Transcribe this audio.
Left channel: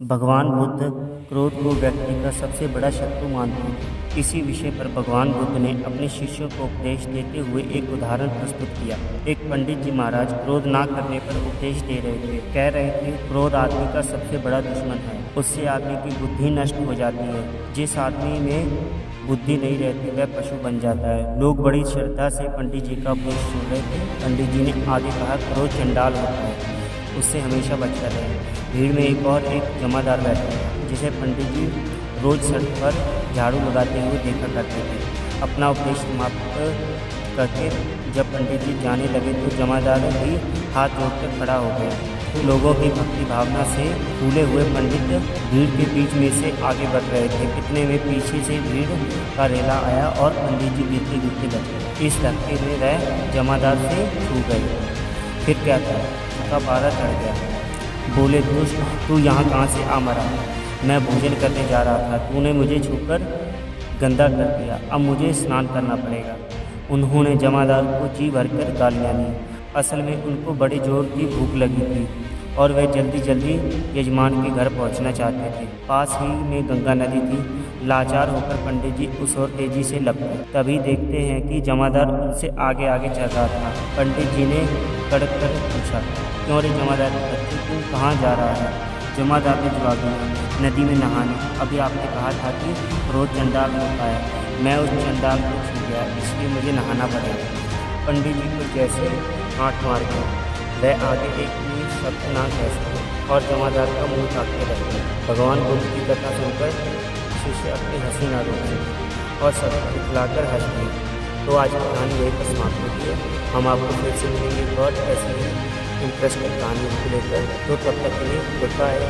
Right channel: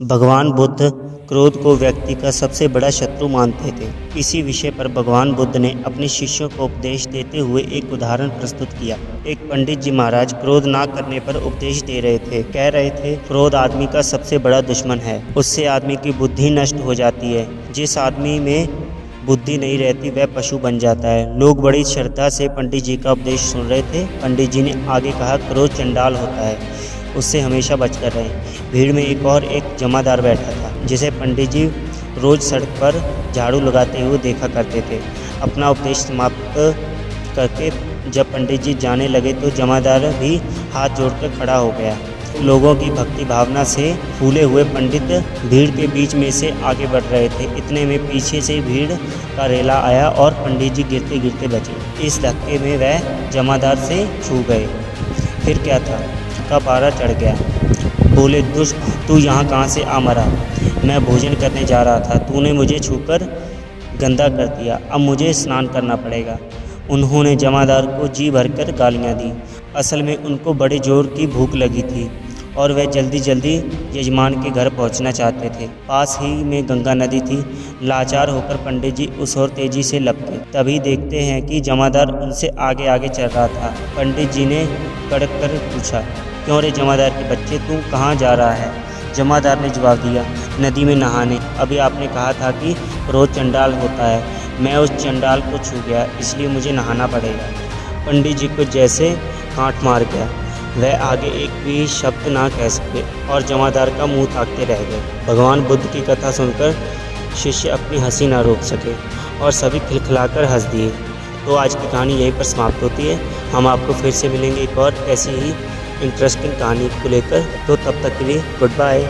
भगवान बुद्ध क्रोध को व्यक्ति का सबसे बड़ा शत्रु मानते थे। इसी विषय पर भगवान बुद्ध ने अपने शिष्यों को उपदेश देते हुए एक उदाहरण प्रस्तुत किया। एक पंडित जी महाराज क्रोध ना करने पर उपदेश दे रहे थे। कह रहे थे, क्रोध आदमी का सबसे बड़ा दुश्मन है, उससे आदमी की बुद्धि नष्ट हो जाती है। जिस आदमी में बुद्धि नहीं रहती वह पशु बन जाता है। लोग बड़ी श्रद्धा से पंडित जी का उपदेश सुन रहे थे। पंडित जी ने आगे कहा, क्रोध चंडाल होता है, उससे हमेशा बचकर रहें। भीड़ में एक जमादार बैठा था, जिसे पंडित जी रोज सड़क पर झाड़ू लगाते हुए देखा करते थे। अपना उपदेश समाप्त करके जब पंडित जी जाने लगे तो जमादार भी हाथ जोड़कर खड़ा हो गया। लोगों की भक्ति भावना से फूले हुए पंडित भीड़ के बीच में से आगे बढ़ रहे थे। इतने में पीछे से भीड़ का रेला आया और पंडित जी गिरते गिरते बचे। इस धक्के में वह जमादार से छू गए। फिर क्या था का पारा चढ़ गया। बोले, दुष्ट, तू यहाँ कहाँ से आ मरा? मैं भोजन करने जा रहा था, तूने मुझे छूकर गंदा कर दिया, अब मुझे स्नान करना पड़ेगा। उन्होंने जमादार को जी भरकर गालियाँ दी। असल में उनको बड़े जोर की भूख लगी थी और वह जल्दी जल्दी यजमान के घर पहुंचना चाहते थे। पास ही में गंगा नदी थी। लाचार होकर पंडित जी उस ओर तेजी से लपके। तभी देखते हैं कि जमादार उनसे आगे आगे चल रहा था। पंडित जी ने कड़क कर पूछा, क्यों रे जमादार के बच्चे, तू कहाँ जा रहा है? जमादार ने जवाब दिया, नदी में नहाने। अभी आपने कहा था कि क्रोध चंडाल होता है, मैं उस चंडाल को छू गया, इसलिए मुझे नहाना पड़ेगा। पंडित जी को जैसे हाथ मार गया। वह आगे एक भी शब्द ना कह सके और जमादार का मुंह ताकते रह गए। भगवान बुद्ध की कथा सुनकर शिष्य अपनी हंसी ना रोक सके और सभी खिलखिलाकर हंस दिए। तो आज की कहानी यहीं पर समाप्त होती है। हम आपको फिर से मिलेंगे एक और ऐसी ही इंटरेस्टिंग कहानी को लेकर। तो तब तक के लिए गुड बाय।